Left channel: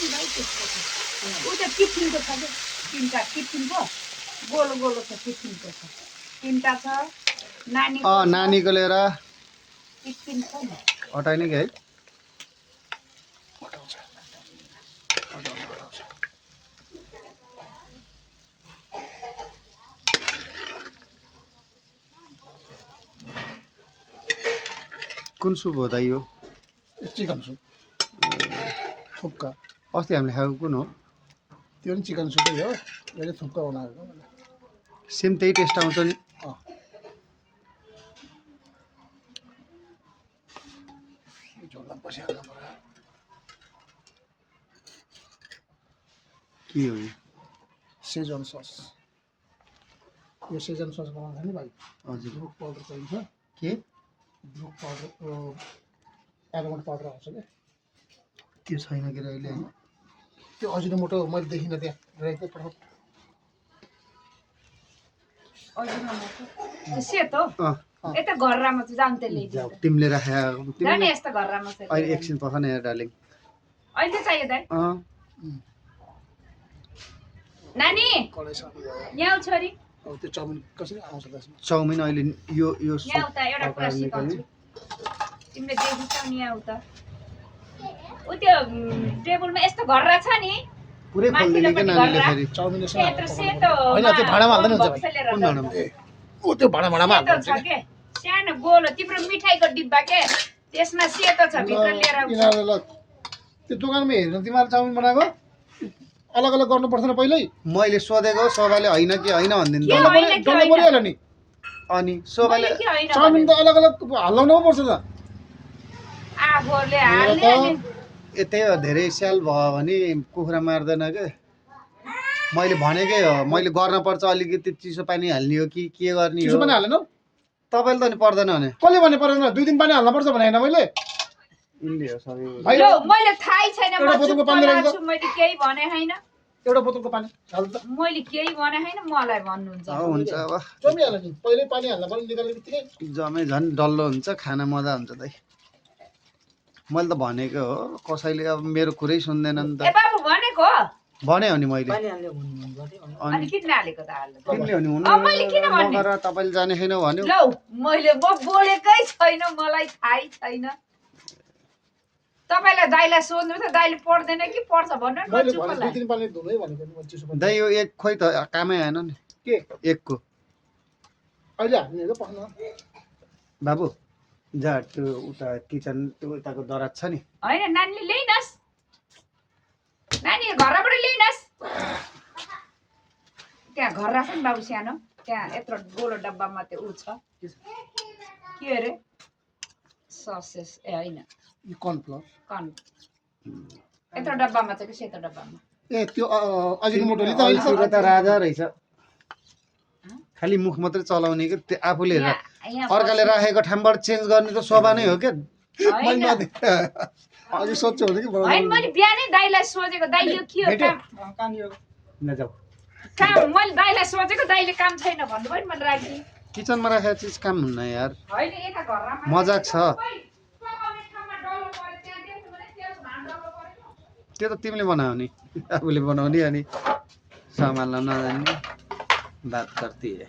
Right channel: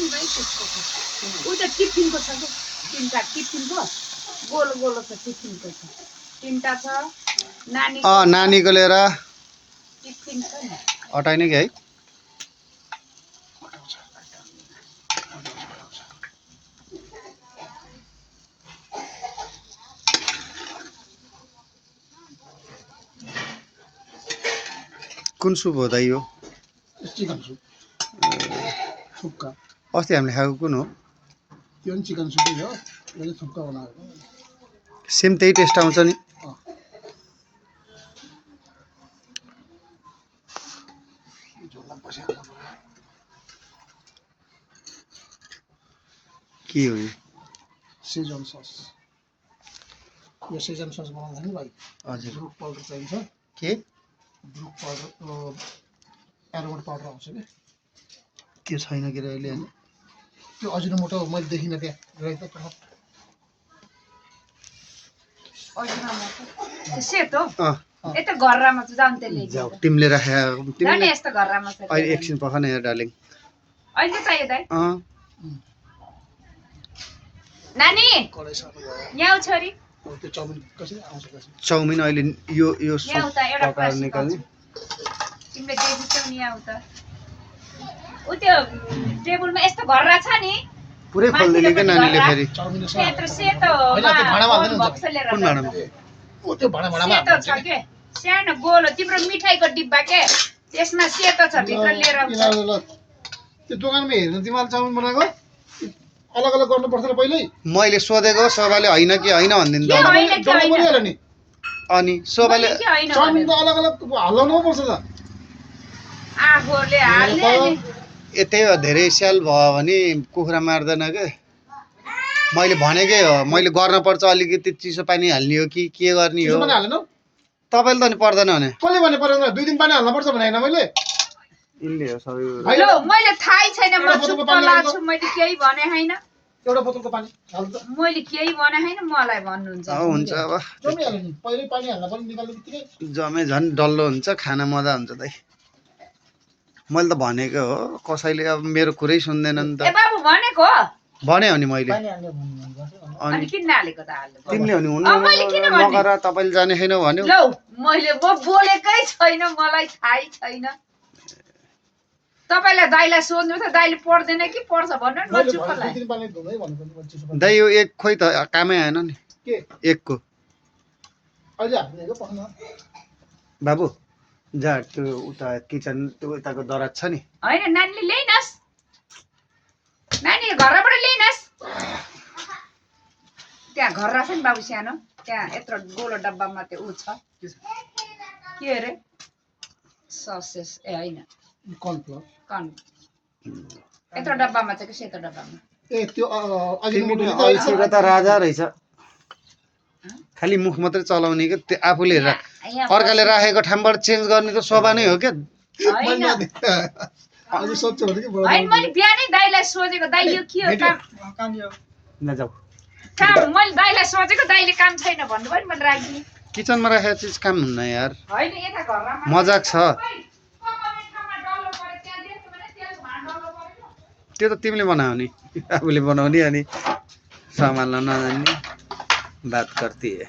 नि भाइ त्यसको उ त टिफिनको छ के तीनटा टिफिनको गोलो गोलो छ टिफिनको छ तीनटा छ नानी नानीको लिएर टिफिन छ नि अटाइने कि है कुन सुप हो दाइ यो चिकन सुप सुक्का अस्ति हामीले खाएको कुन हो त्यो पनि चिकन सुपै हो यो चाहिँ सुक्का बनाएको सेम त्यही टेस्ट आउँछ नि के हो यो सेजन सस यो सेजन सस बनाउँदा नि भाइ हजुर ब्रुक पाउडर चाहिन्छ के ब्रुक पाउडर एरोमेट पाउडर आउँछ क्या त्यो छैन के रे अहिले हैन त्यो अजिनोमोटो मैले देखिनँ त्यहाँ रहेछ पठाउ अजिनोमोटो सेतो यता घरमा चाहिँ जाम त्यसले जाऊ तिमीले राखे तिमीले यस्तो घरमा छ अहिले एकछिन पख न यार डार्लिङ अहिले चाहियो दाइ नानी कडाई सानो भयो यहाँ छोरी अब त्यो चाउमिन कसरी आउँछ कसरी चाउमिन अहिले यो यहाँ उता एउटा पकाएर निकाल्ने तिमीले देखिन्छौ नि यहाँ उता उ त्यो टेबलमा यस्तो घर्रा छ नि पुरै खोल्दिने के नानीले फेरि चाउमिन सेतो सेतो हैन त्यो भाँडामा हाल्दैन नि कुन भाँडामा ओ त्यो भाँडामा सेतो छ के सानो गोलो तिम्रो मिठाईको डिब्बा के त्यसमा सेतो छ भित्र लिएर आउँछ त्यो दोकानमा हेर्न तिमीले चाउमिन बनाएको अलग अलग गर्नुपर्छ र पहिल्यै मैले सोधेको शोभाले हैन कि हैन भनिदिनु त परिहाल्यो नि अनि शोभाले के हैन चाउमिन त अलग अलग हल्लाउनु पर्छ त आफूले हाल्ने अनि यतै हो धेरै स्याल भयो भने कुखुरा मार्दैन के मैले भनेकै हो मैले गर्न पर्छ अलिकति चिसो पानी हाल्ने हो कि के गर्ने हो पनि हालेन तपाईले त नि पर्दैन भने कसले भने परेन 2 दिन पानी हाल्नु पर्छ भने हैन मैले इनले हो सबै लो मैले थाहै छैन म चुप्प लाग्छु मैले केही भने हैन एउटा बोतलको पानी हाल्नु त मैले केही भने हैन मलाई भन्नुहुन्छ हुन्छ अब जमिहाल्यो नि पहिल्यै पानी हाल्न पनि निकाल्ने बित्तिकै जमे झन् डल्लो हुन्छ खाना मजा हुन्छ दाइ मैले त भनेको हो कसैले अब मेरो कुरै सुन्दैन नि ए त बाबु भनेको भने हो नि मैले अनि किन नालेको त हाल्नु तिमीले हो नि हुनु मैले किन भन्ने नगर तपाईले जाने छैन भन्यो लौ मैले बोलेकै छैन मलाई थाहै छैन तपाईलाई दाइलाई सोध्नु त दाइले पढ्दैन कि पढ्छ भन्नु न म चुप्प लाग्छु 2 दिन पानी धुनै भनेको नि चिसो पानी दाइ यो एक खोइ त कामै आएन नि के एकको अहिले हाल्ने हो पक्न बाबु जा त्यो उता किचन त्यो उताको दराज छ नि हैन नानीले ल्याइनस् नानी घरबाट ल्याइनस् त्यहाँ घर राख नि बाबु सानो त्यहाँ यत्रो गोलो डब्बामा त्यो उ छ के अरे ससेस ए हैन कर्नफ्लोर कन यत्रो डब्बामा चाहिँ के सेतो डब्बामा ए त्यो अजिनोमोटो अल्छीको त राजा रहेछ खालि मुख मात्रै चलाउने के त्यो आफूले अर्काले राखेको ठाउँबाट चेन्ज गर्ने त शोभा नै हो क्या हैन अझै सोध्छ भने के हैन मैले बिहानै दाइलाई सोचेको दाइ यो के हो काम नजाऊ काम मैले दाइलाई सोचेको दाइले काम छैन भन्नुभयो नि मैले राखिदिएँ किचनमा राखेको चिज काम हुन्न यार हैन यता घरमा मजाक छ त्यो त तिमीले बनाऊ नि आफूले बनाउने अनि सम्हाल्न नजान्ने बात गर्ती है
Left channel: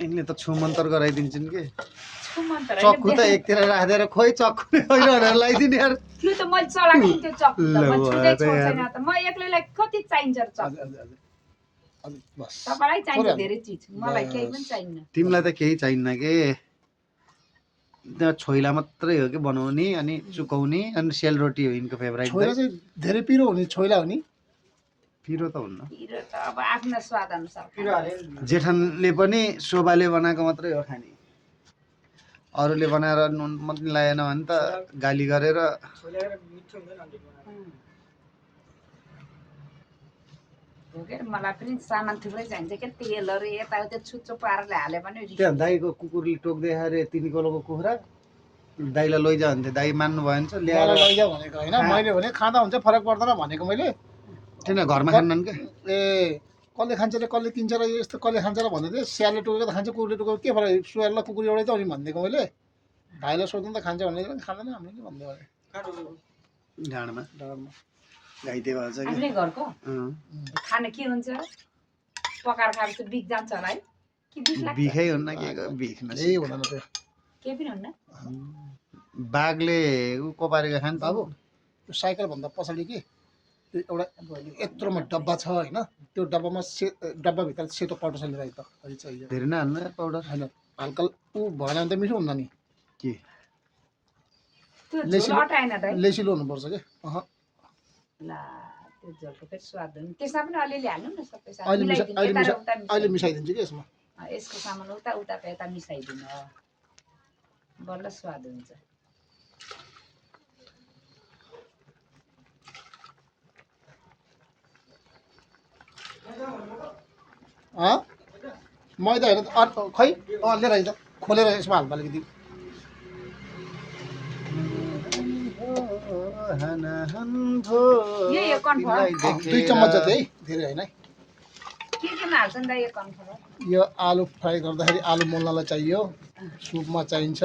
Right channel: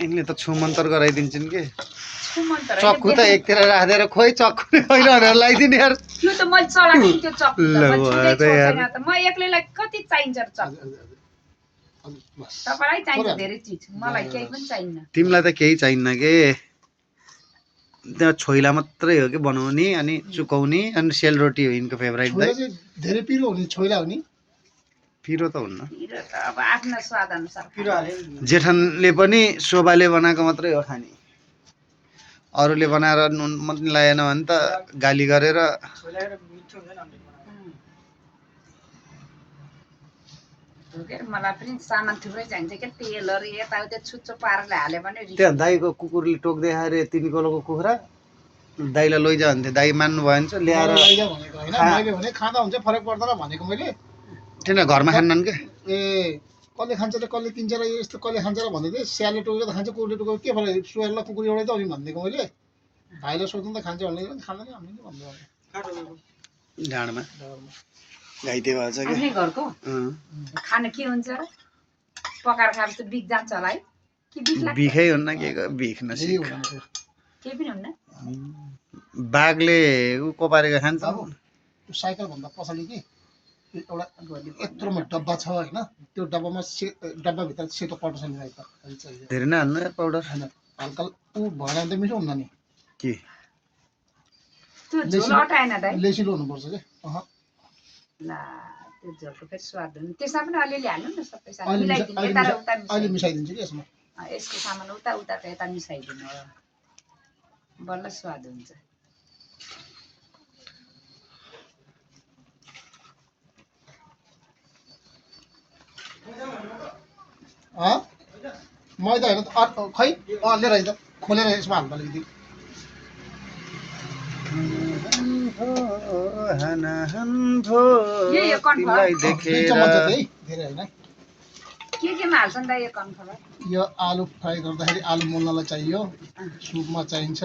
यिनले त छुमन्तर गराइदिन्छन् के चक्कु त एकतिर राखेर खोइ चक्कु नै होइन भनेर लगाइदिने यार त्यो त मैले चलाएको त्यो चक्कु त म छुँदै छोड्दैन त म एक्लैलाई कति चाहिन्छ र चक्कु तपाईलाई चाहिन्छ धेरै चीज मलाई केही पनि चाहिन्न तिमीलाई त केही चाहिन्न के त्यहाँ छोइला मात्रै हो कि बनाउने अनि चुकाउने अनि सेलरोटी हो यिनको फेभरेट दाइ धेरै पिरो हुने छोइला हो नि पिरो त हुन्न पिरो त अब आफ्नो स्वाद अनुसार पिरो हाले जेठनले पनि शोभाले बनाएको मात्रै हो खाने अरूले बनाएर नुन मात्रै लगाएन भने त गाली गरेर मलाई पनि सामान थुप्रै चाहिन्छ के तेलहरू यताउता छुच्चो पाराले हाल्यो भने त्यहाँ दाइको कुकुरले टोक्दै अरे 3 किलोको कुखुरा दाइलाई लैजा भन्थे दाइ मान्नु भएन ल्याएर लैजा भनेको हैन मैले भने खाँदा हुन्छ फरक पर्दैन भनेको मैले किन घरमा खान्नन् के ए कसले खान्छ र कसले किन्छ र यस्तो कसले खान्छ र भन्दै थिएँ स्यालले टोकेको त खान्छ कुकुरले टोकेको के फरक सुहाएर ल कुकुर एउटै त हो नि भनिदिएको मैले भाइलाई सोध्नु त खान्छ भने खाँदैन हामीले के भन्दै ढाडमा घाइते भएछ कि आफ्नै घरको खाना के हुन्छ र पकाएर खाएपछि बिख जान्छ होला है कि बिख लाग्छ बिखै हुन्न के बिख यही हुँदैन त्यो केही पनि हुन्न बाघले ऊ कोपारेको खान्छ बाबु त्यो साइकलभन्दा पछाडि कि एउटा यत्रोमा डब्बा छ होइन त्यो डब्बामा डब्बाभित्र सेतो पाउडर छ नि त चाहियो धेरै नै हाल्नु यार पाउडर होइन हल्का ऊ भएन भने त मिठो हुन्न नि के त्यो झोल अटाएन दाइ लेसिलो हुनुपर्छ कि ला त्यो झोलको फेरि स्वाद हुनु त्यसमा पनि अलिअलि हाल्नु न सबै सामान अहिले मिलाइदिनु यता र उता अहिले मिसाइदिन्छु कि यसमा यसको सामान उता उताको यता मिसाइदिनु बल्ल स्वाद हुन्छ मैदा होइन खै लिएर है त खोलेर यसमा हाल्दा अलिकति यो कन्फर्म दुई चम्मच जति है धेरै होइन केमा हाल्छन् दाइ यो कन्फर्म यो आलु फ्राई गर्दाखेरि आलु मोल्नलाई चाहियो सुपमा चाहिन्छ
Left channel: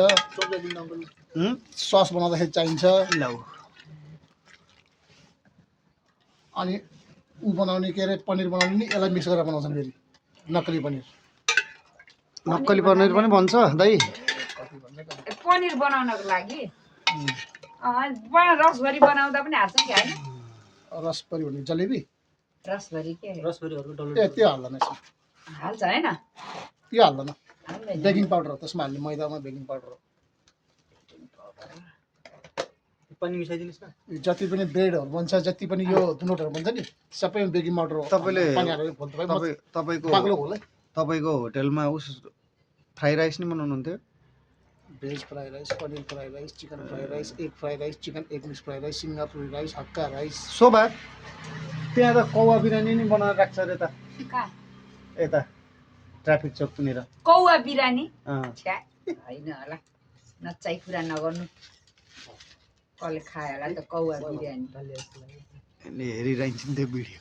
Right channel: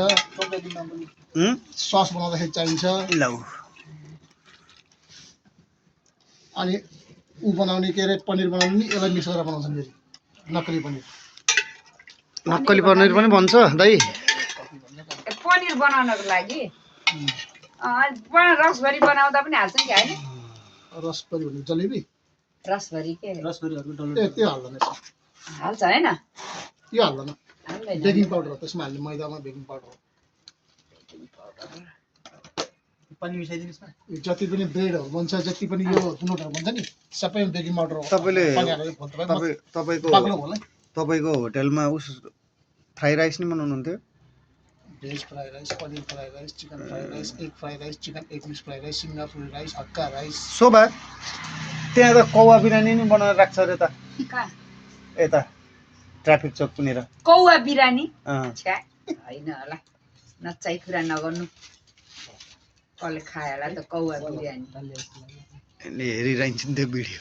सस बनाउँदाखेरि चाहिन्छ लौ अनि ऊ बनाउने के अरे पनिर बनाउने नि यसलाई मिक्स गरेर बनाउँछन् फेरि नक्कली पनिर नक्कली पनिर पनि भन्छ दाइ पनिर बनाउनको लागि रसभरी बनाउँदा पनि हाल्छ कि होइन रसभरी भन्ने जलेबी रसभरी के ए त्यो हाल्दैन यसमा हाल्छ होइन त्यो हाल्दैन हाल्दैन बेकिङ पाउडर हो त्यसमा हाल्ने मैदामा बेकिङ पाउडर हो पनि मिसाइदिनुस् न यो जति पनि ब्रेडहरू बन्छ जति पनि यो नोटहरू बन्छ नि सबैमा बेकिङ पाउडर हो तपाईँले पानी हालेर घोल्दा भयो। तपाईँको बाक्लो घोल है तपाईँको होटेलमा उस फ्राई राइस नि बनाउनुहुन्थ्यो veg fry rice paneer fry rice chicken fry rice egg fry rice chicken egg mix fry rice सिङ्गापुरी राइस हक्का राइस शोभा त्यहाँ त कौवा बिरयानी नि बनाएर राख्छ अरे त कहाँ यता ट्राफिक चौकतिर कौवा बिरानी अँ छ्या होइन होला नचाइ कुरा नगर्नु कसले खायो होला त कौवा बिरयानी यसले हेरिरहन्छ नि त्यो भिडियो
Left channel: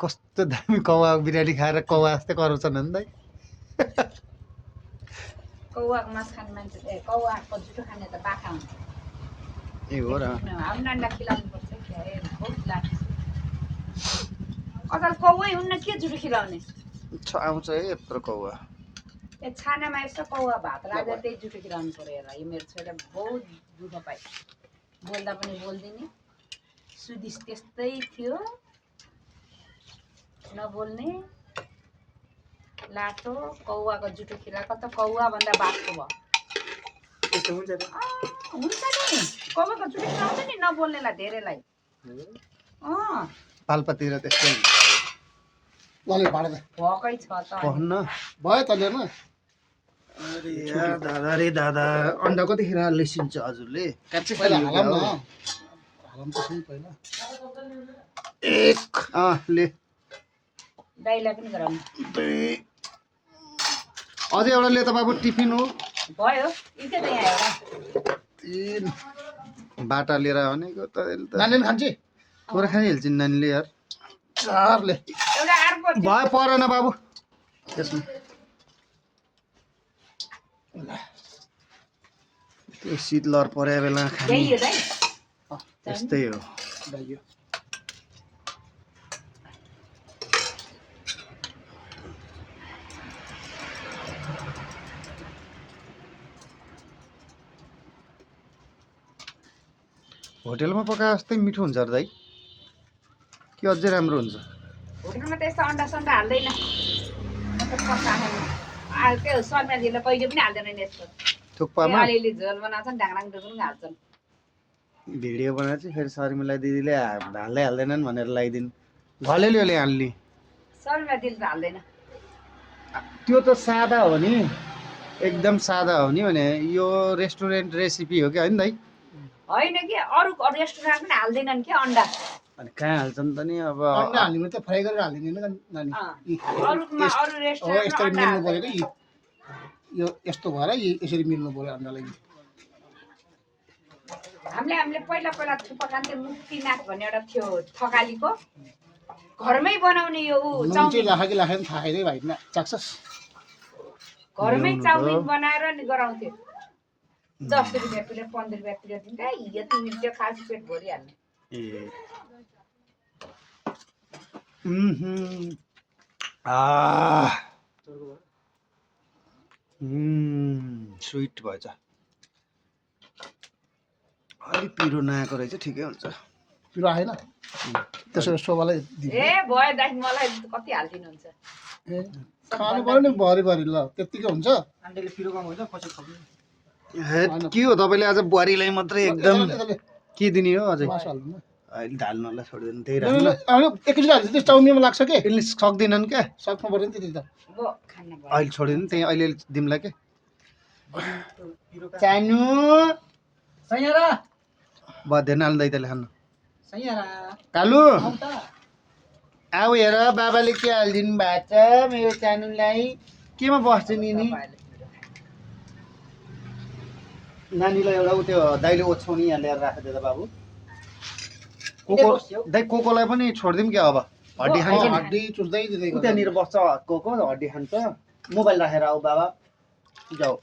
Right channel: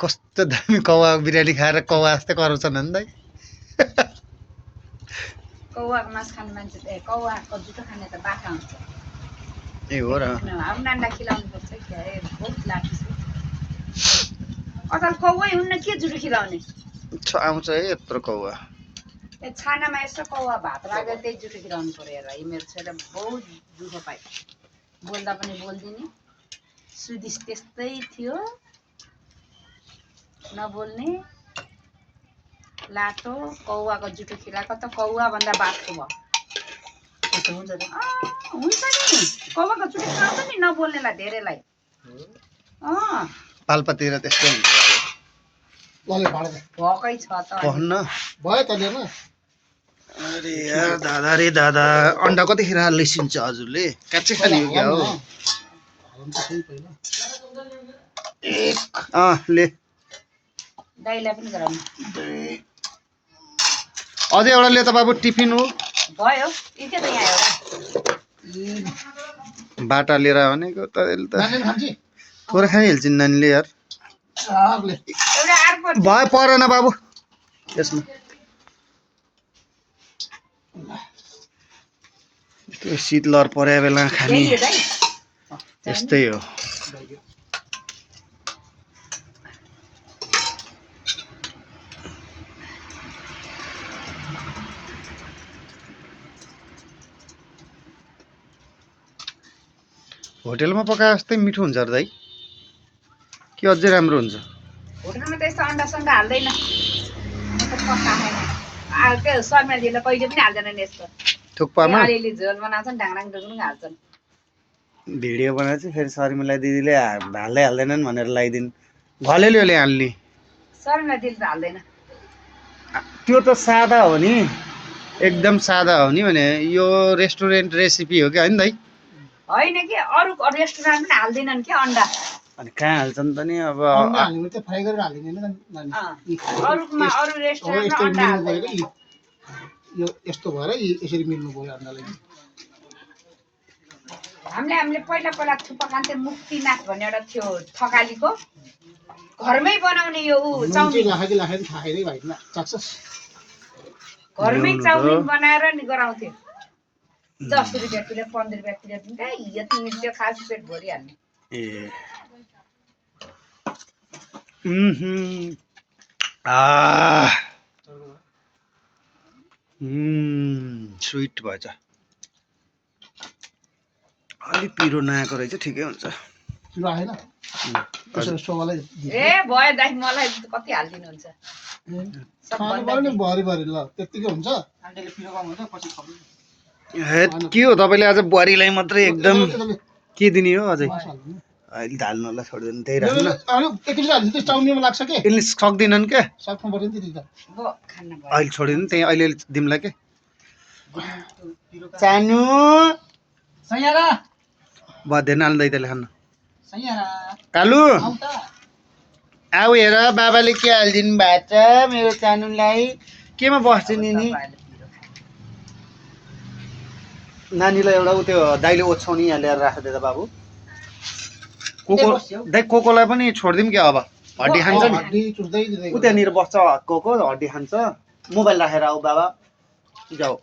कस्तो दामी कौवा बिरयानी खाएर कौवा जस्तै कराउँछन् नि दाइ कौवाको मासु खाने मान्छे त कौवाको जुठो खाने त बाखा हुन्छ ए हो र हाम्रो नानीलाई खिलाउनु पर्छ कि बहुत लाग्छ अचल कौवै हुन्न के जुठो खिलाउने आउँछ है यत्रो कौवा ए छानामा यसो कौवा भात राखेर त्यही जुठो खिलाउनु पऱ्यो हेर यो मेरो छोरा बहुत दुःख पाइ बोल्दा पनि बोल्दिनँ सुदिस त्यस्तै थियो नबोल्ने लाटो कौवाको जुठो खिलाएको त कौवा भन्दा बाटो भयो त्यस्तो हुन्छ त हुन्छ नि कौवाको जुठो खिलाउँछ नि नबोल्नेलाई धेरैलाई पाल्पातिर त्यस्तै हुन्छ लले भाडे भएकै छ त पहन्न भयो त लिएन अरे यार दादा रे दादा अन्डा कतिखेर लिसिन्छ हजुरले काँचै खाने हो क्या हो हालौँ त सही पहिला एक ले दाइलाई पनि गराउनु अझै एउटा ले त बाबु टिफिन हो भयो के त यहाँ एउटा बाटा लिएर भनेको त यसले त नानीले खान्छ थोरै खाइहाल्छन् नानीले यार चारले एउटा अर्को भयो परेन बाबु त्यसमा त्यो शीतलहर परे बेला खाने यही हो दाइ त्यस्तै हो होटेलमा पकाए जस्तै मिठो हुन्छ र दाइ कि अझै राम्रो हुन्छ होटेलमा त यस्तो अन्डा सन्डा हाल्दैन म त पकाएन त्यो शर्माजीले कहिले पनि हाल्दैन नि यस्तो थुक्पामा अलिअलि झोल बनाउँछन् ढाङडाङ डुङडुङ हाल्छन् भिडियो बनाएर चाहिँ फेरि शर्मिला दिदीले हाल्दै हाल्दैनन् भनेर लगाइदिनु घलेलियोले हाल्ने शर्मिला दिदी त हाल्दैन त्यो त सादा हो नि एकदम सादा हो नि भने यो रेस्टुरेन्ट रेसिपी हो क्या होइन दाइ होइन कि अरू रेस्टुरेन्ट पनि हाल्दैनन् कि अन्डा अनि कहाँ हाल्छन् त नि अब अन्डा हाल्ने त फ्राई गरेर हालिदिने होइन नानी अरूमा अरू अब रेस्टुरेन्टमा यस्तरी अन्डा मिल्नु हाल्दैन पऱ्यो कि यो यस्तो भएर यसरी मिल्नु पऱ्यो अन्डालाई हामीले पहिला पहिला थुक्पा खान्थ्यौँ मुक्तिनाथ भन्ने एउटा थियो थकालीको घरमै बनाउने यो चाउमिन राखेको राखेको थाहा छैन भाइ चाख्छस् घरमै ल्याउनु त। चाउमिन बनाएर नि गराउँथ्यो 10 रुपियाँ प्लेट 15 रुपियाँ प्लेट दिन्छ यो तिमीले त्यो खास पेट भरिहाल्ने ए आ स्विट भएछ अलि पिरो नआएको रहेछ ठिकै हुन्छ पिरो आएन त्यसो शोभालाई ए भयो दाइ मलाई कति हालिदिनुहुन्छ खानु पर्यो नि भरि भरि ल त्यतिकै हुन्छ आन्टीले पिरो कम हुन्छ पछि खप्नु हेट के हो तपाईँले आज बुहारीलाई मात्रै एकदम के दिने हो अझै मासु हाल्नु अहिले ढाल्नलाई छोडिदिनु त्यही राख्नु न एकैचोटि हाल्छ चाउमिनमा लाग्छ के यसले सक्दिनन् क्या सक्नु पर्यो नि त्यति त बो खान्न भयो अहिले छोडिदिनु त्यही अहिले दिउँला के चानु सैयारा बधेन हाल्नु दैताले खान्न सैयारा कालु आउ त आऊ हेर बाबाले के हालिदिनु भएको छ मेरो चानुलाई केमा बस्छ नि नानीलाई एउटा उ त्यो दाइले ओछ्याउनी यहाँ ल्याएर राखिदिएर बाबु कोको दाइ कोकोलाई पनि छोडिदिउँ क्या अब हड्डी खान्छ नि हड्डी चुस्दै दिँदै उ त्यहाँनिर बस्छ कोको हड्डी खान्छ मोबाइल राखेर आऊ बाबा जाऊ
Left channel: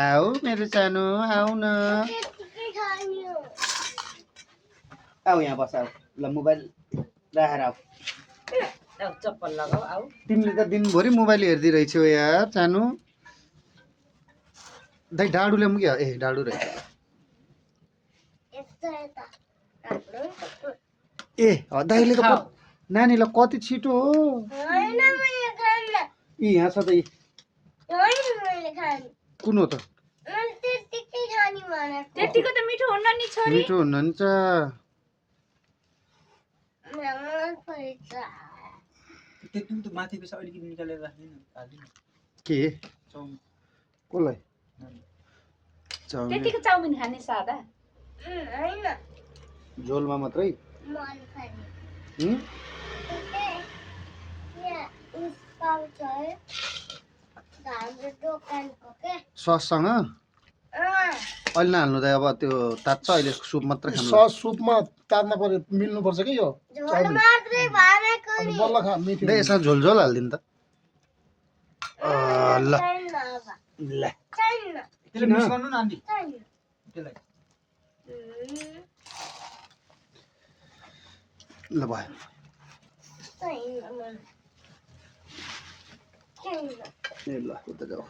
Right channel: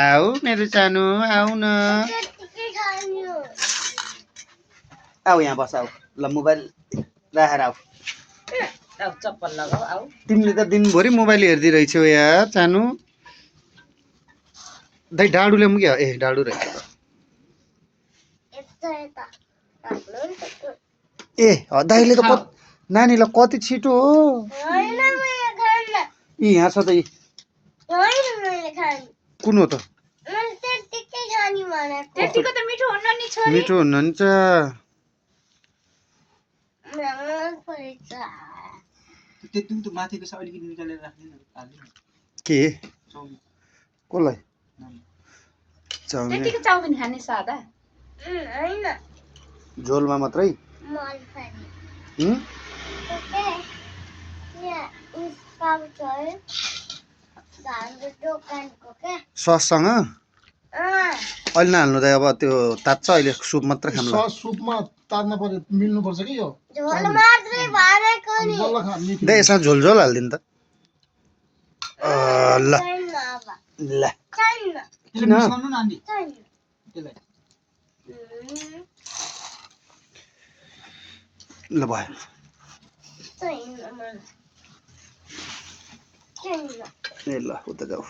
आऊ मेरो चानु आऊ न आऊ यहाँ बस आऊ ल मोबाइल राखेर आऊ अब चप्पल लगाऊ आऊ तिमीले त दिनभरि मोबाइल हेर्दै रहेछौ यार चानु दाइ डाडु ल्याउँ क्या ए डाडु रहेछ ए दाइले त नानीलाई कति छिटो हो यी यहाँ छ त यी कुन हो त त्यतिको त मिठो हुन्न नि छोरी मिठो हुनुहुन्छ त्यति त माथिको छ अलिकति निकालेर राख्दिनु के चाउमिन कसलाई चाउमिन त्यतिको चाउमिन खाने सादा झोलमा मात्रै हुँ? सससँग अहिले नहाल्नु त अब त्यो तात्छ अहिले सुप मात्रै खानु सस सुपमा तार्न पर्यो मिल्नु पर्छ कि यो बल्ल खा मिठो दे यसमा झोल झोल हालिदिनु त ल ल त्यसले मिक्स गर्नु न आन्टी त्यसलाई ल भयो ए ल उता जाऊ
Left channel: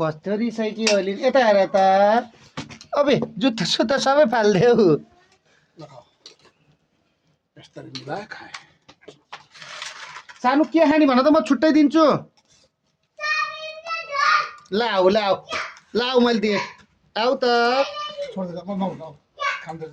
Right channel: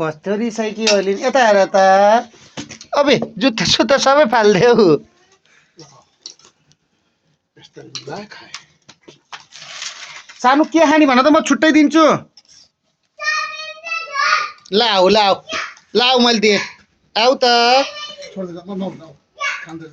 कस्तो रिसाइ कि अहिले यता हेर त अबे जुत्ता सुत्ता सबै फालिदेऊ यस्तरी मिलाए खाए सानो के खाने भन त म छुट्टै दिन्छु लाऊ लाऊ लाऊ मैले दिएँ आऊ त छोड्दै खाँदै